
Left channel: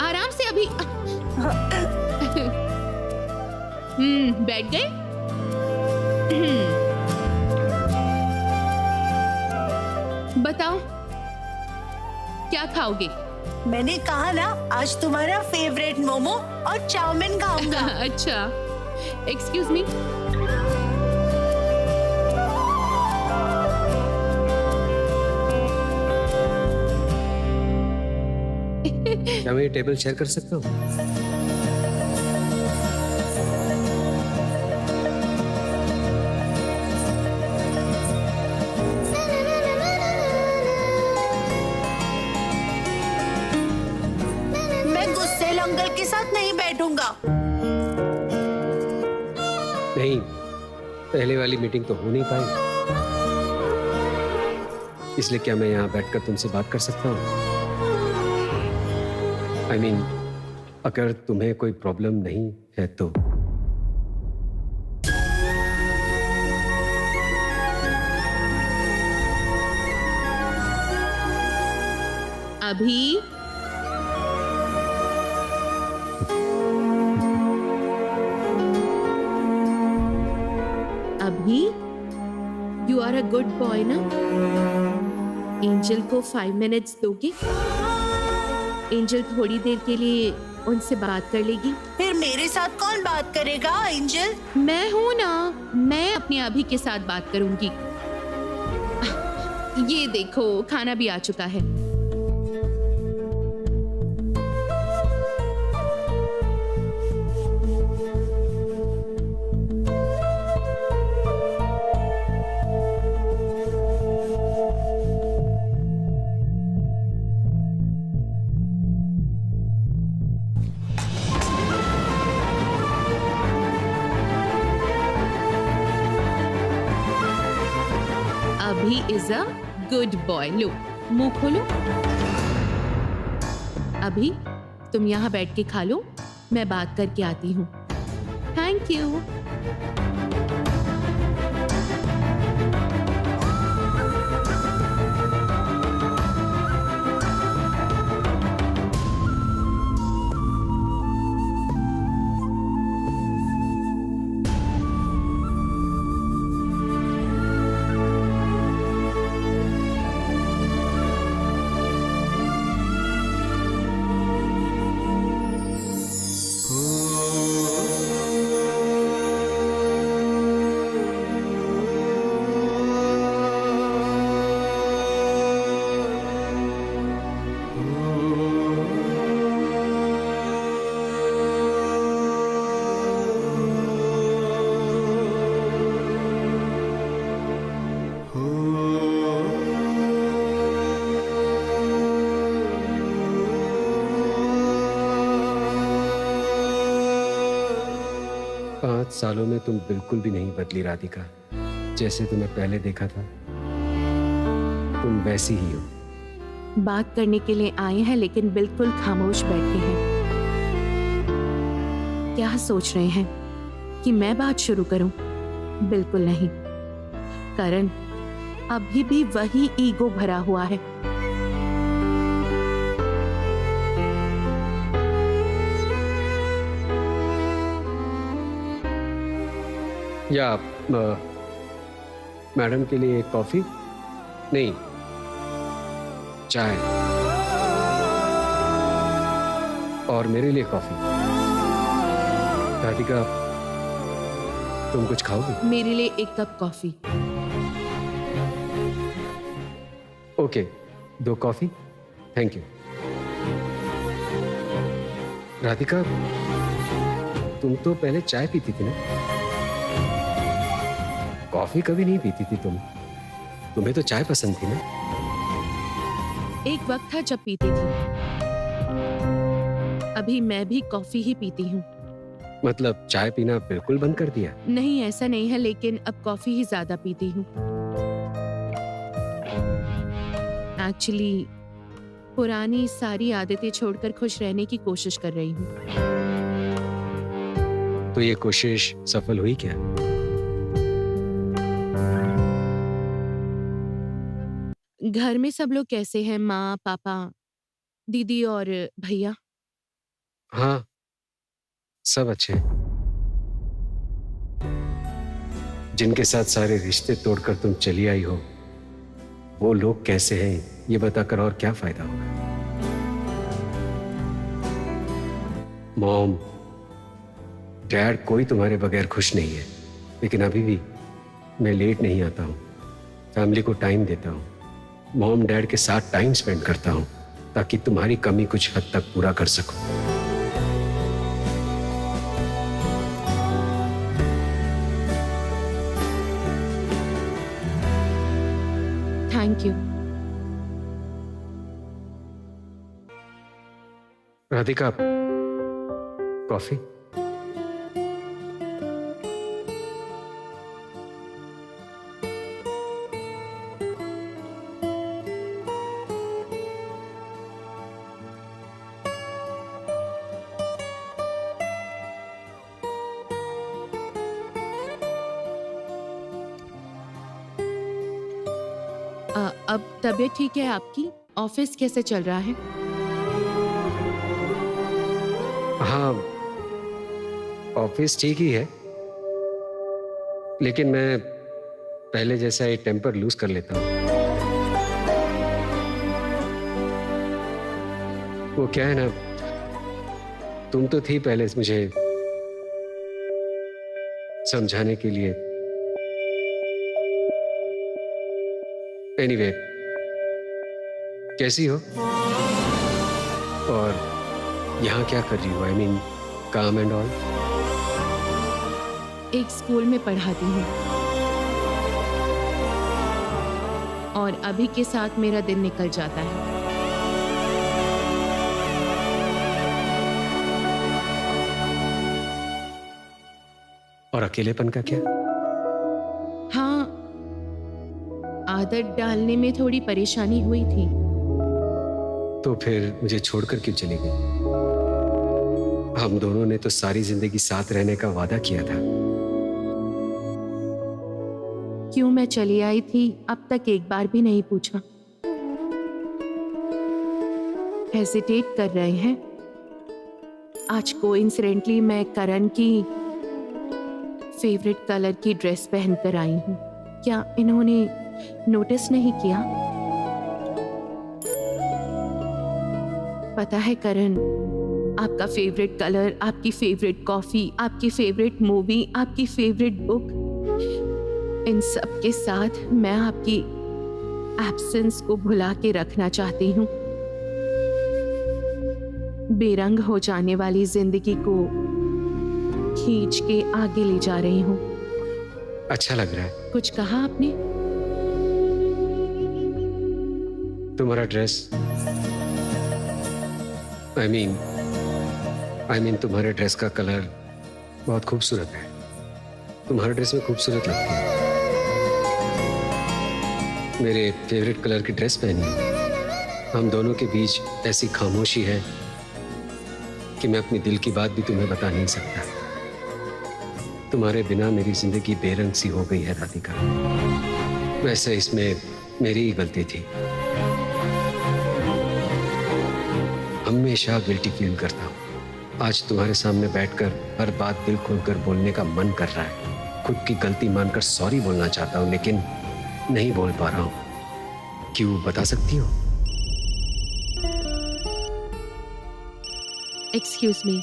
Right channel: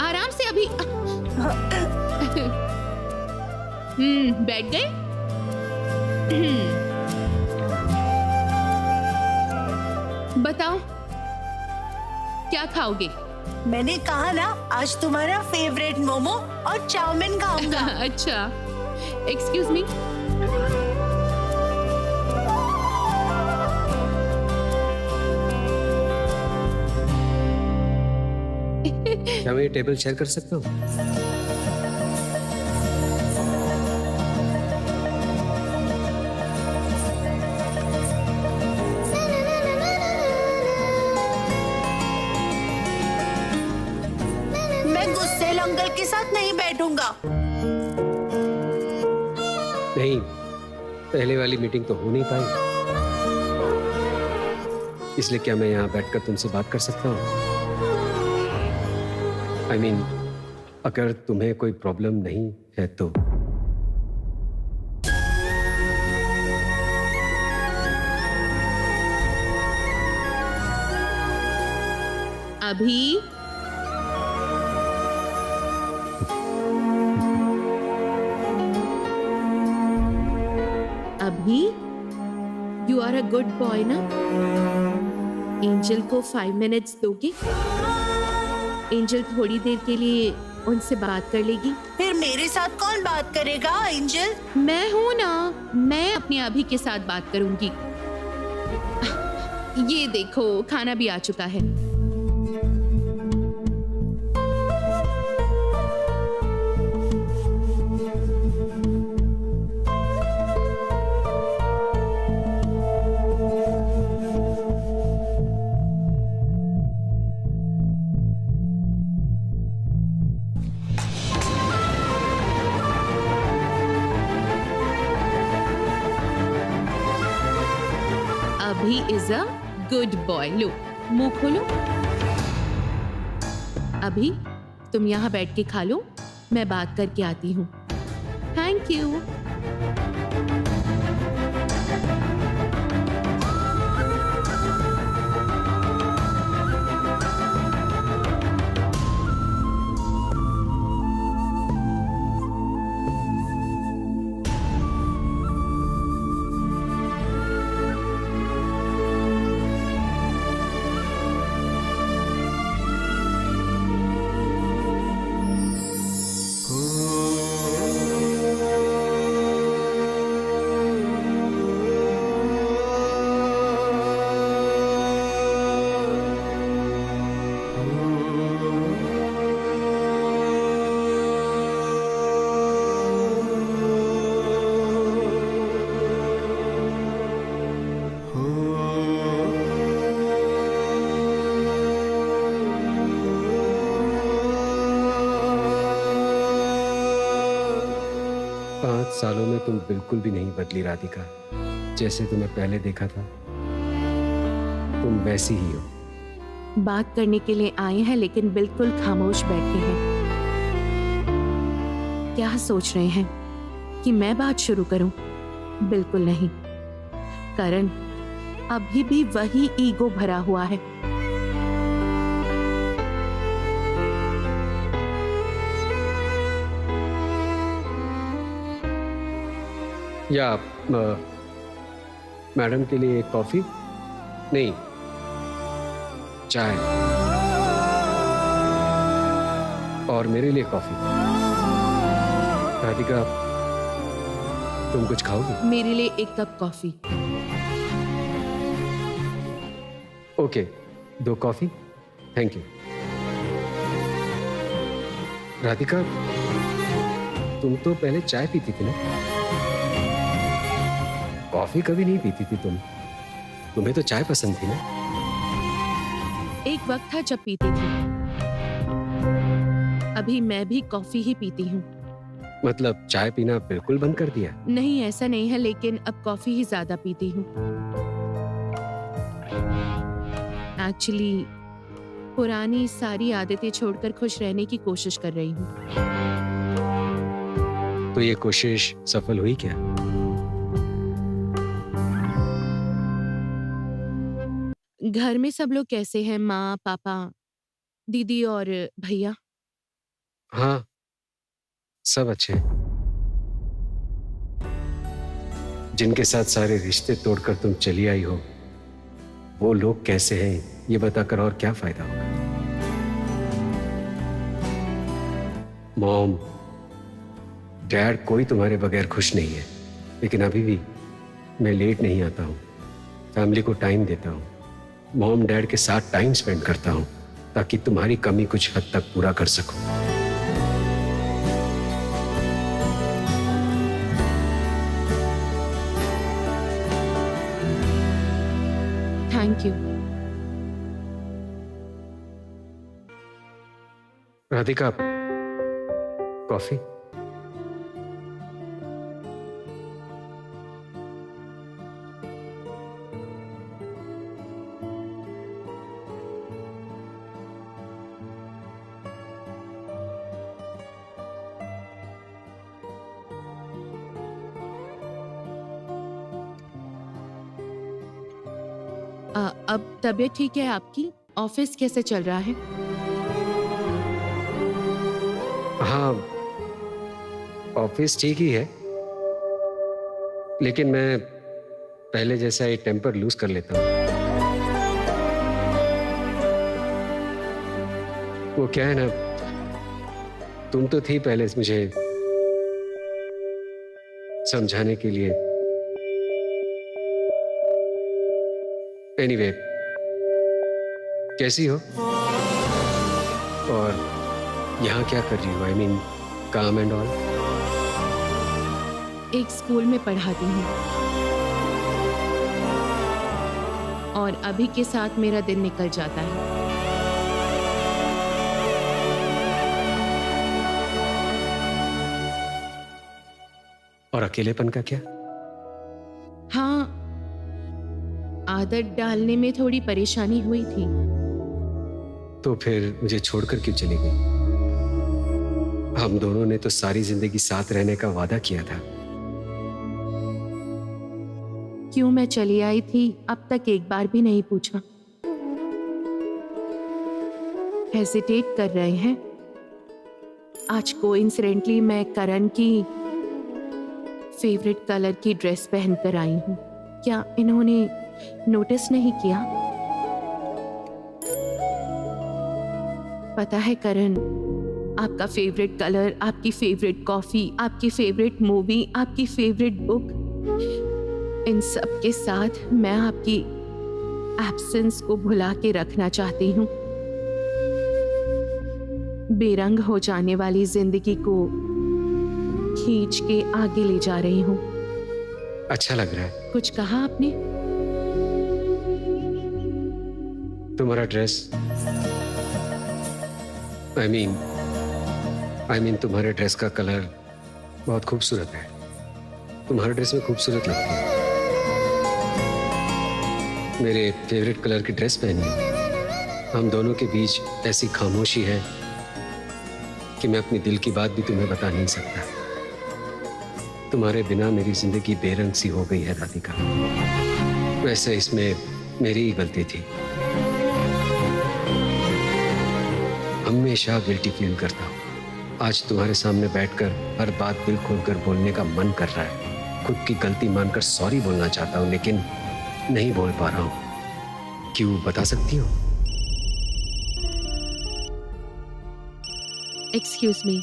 आराम से अभी। बैठ गए? बताओ क्या खाओगे? मैंने कहा ना, आज तुम्हारा फेवरेट मोमो और चाउमीन खाऊंगा। अच्छा, एक्सक्यूज मी। क्या मैं ये टेबल शेयर कर सकता हूँ? अंकल के साथ नहीं बैठूंगा। नहीं, पहले वाली मीटिंग तो हो नहीं पाई, इसलिए क्या मैं यहाँ बैठकर तुमसे बात कर सकता हूँ? I mean, अगर तुम्हें कोई प्रॉब्लम नहीं है तो। अभी you are a good boy ना? एंजल को 5 मिनट्स दोगे? एंजल थोड़ी देर के लिए उनसे बात कर लेगी। फिर मेरे साथ कौन बात करेगा एंजल? मैं हूं ना, मैं अपने अभी के साथ बात करूंगी। ये देखो, खाना भी आ चुका है। अभी इज अ गुड बॉय। लो, मुंह खोलो। अभी तुम यहाँ बैठ के खा लो, मैं बात करके आती हूँ। Thank you. सालों में तुम बिल्कुल भी नहीं बदली राधिका। जैसे तुम्हें पहले देखा था, तुम वैसी ही हो। बात करने के लिए आए हैं लेकिन बिल्कुल खामोश बैठे हैं। क्या सोच रहे हैं कि मैं बात शुरू करूं? बिल्कुल नहीं। करण अभी भी वही ईगो भरा हुआ है। या मैडम के लिए कॉफी? नहीं, चाय। और मेरे लिए कॉफी। राधिका, तुम कुछ खाओगी? मेरे लिए 1 cup coffee. Okay, 2 coffee. Thank you. Radhika, तुम तो पहले चाय पीती थी ना? कॉफी कभी नहीं पीती थी तुम। तुम्हें तो चाय पसंद थी ना? एक वक्त था जब पीती थी। अभी मैं भी कॉफी ही पीती हूँ। मतलब चाय पीना बिल्कुल बंद कर दिया? नहीं, ऐसा नहीं है, लेकिन अब कॉफी ही ज्यादा पीती हूँ। एक्चुअली पुरानी सारी आदतें छोड़कर खुश रहने की कोशिश कर रही हूँ। तो ये कोशिश सफल हुई क्या? घर में सब लोग कैसे हैं? माँ, पापा, दीदी और भैया? हाँ, सब अच्छे हैं। जिनके साथ सारे रिश्ते तोड़कर तुम चली आई हो, वो लोग कैसे हैं ये बताकर और क्या फायदा होगा? मॉम, डैड, कोई तुम्हारे बगैर खुश नहीं है, लेकिन अभी भी मैं लेट नहीं आता हूँ। फैमिली को टाइम देता हूँ, मॉम डैड के साथ टाइम स्पेंड करता हूँ, ताकि तुम्हारी कमी कुछ हद तक पूरा कर सकूं। Thank you. राधिका, कॉफी? अब तबीयत ठीक है आपकी? ऑफिस कैसे चल रहा है? हाँ, ऑफिस ठीक ही है, लेकिन मैं पहले जैसा ही टेम्पर लूज कर लेता हूँ। वो क्या है ना, तुम तो थी पहले मुझे समझाने के लिए। एनीवे, कैसी हो और यहाँ क्या कर रही हो? आई मीन काम एंड ऑल। एक स्कूल में पढ़ाती हूँ और अभी के साथ मेरा दिन निकल जाता है। और अकेलेपन का क्या? हाँ, आदत डालने में थोड़ी परेशानी हुई थी। तो फिर मुझे छोड़कर क्यों चली गई? हम दोनों ने तो सारी जिंदगी साथ रहने का वादा किया था। क्यों मैं चली आई थी अब तक एक बार भी नहीं पूछा। हेजिटेट कर रहे हैं? आज कोइंसिडेंटली मैं करण की फेवरेट कलर की ड्रेस पहनकर आई हूँ। क्या इन्होंने नोटिस नहीं किया? पता है करण, आपका फेवरेट कलर, आपकी फेवरेट कॉफी, आपकी फेवरेट मूवी, आपकी फेवरेट बुक, इन सब के साथ मैं आपकी एब्सेंस को भुला के रखना चाहती हूँ। बेरंग हो जाने वाली जिंदगी को खींच के आगे ले जा रही हूँ। अच्छा लग रहा है। कुछ कहा आपने? तुम्हारा ड्रेस, आई मीन तुम्हारे ड्रेस का कलर बहुत खूबसूरत है। तुम्हारे ड्रेस में खूबसूरत लगती है। मेरे फेवरेट कलर की ड्रेस पहनी है। हम दोनों के बीच ऐसी खामोशी है कि मैं अपनी दिल की बात भी तुम्हें बता नहीं सकता। तुम्हारे बिना मेरी जिंदगी बेरंग सी हो गई है राधिका। वैसे इसमें मेरी ही गलती थी। हमेशा गिल्टी फील करता हूँ। आज तुम्हारे सामने बैठकर हर बात दिल खोलकर बोलने का मन कर रहा है। खुद की गलती मानकर सॉरी बोलना चाहता हूँ, लेकिन नहीं बोल पा रहा हूँ। क्यों, बता सकती हो? Excuse me.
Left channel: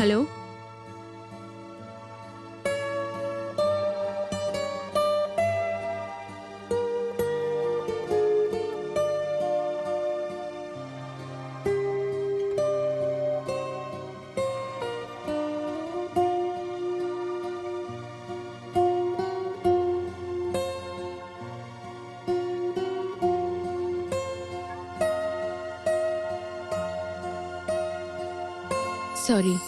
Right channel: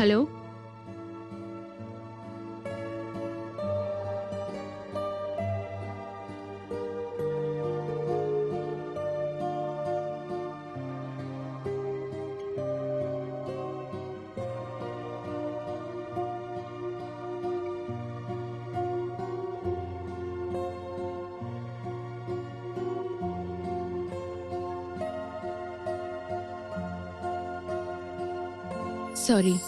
Hello, sorry.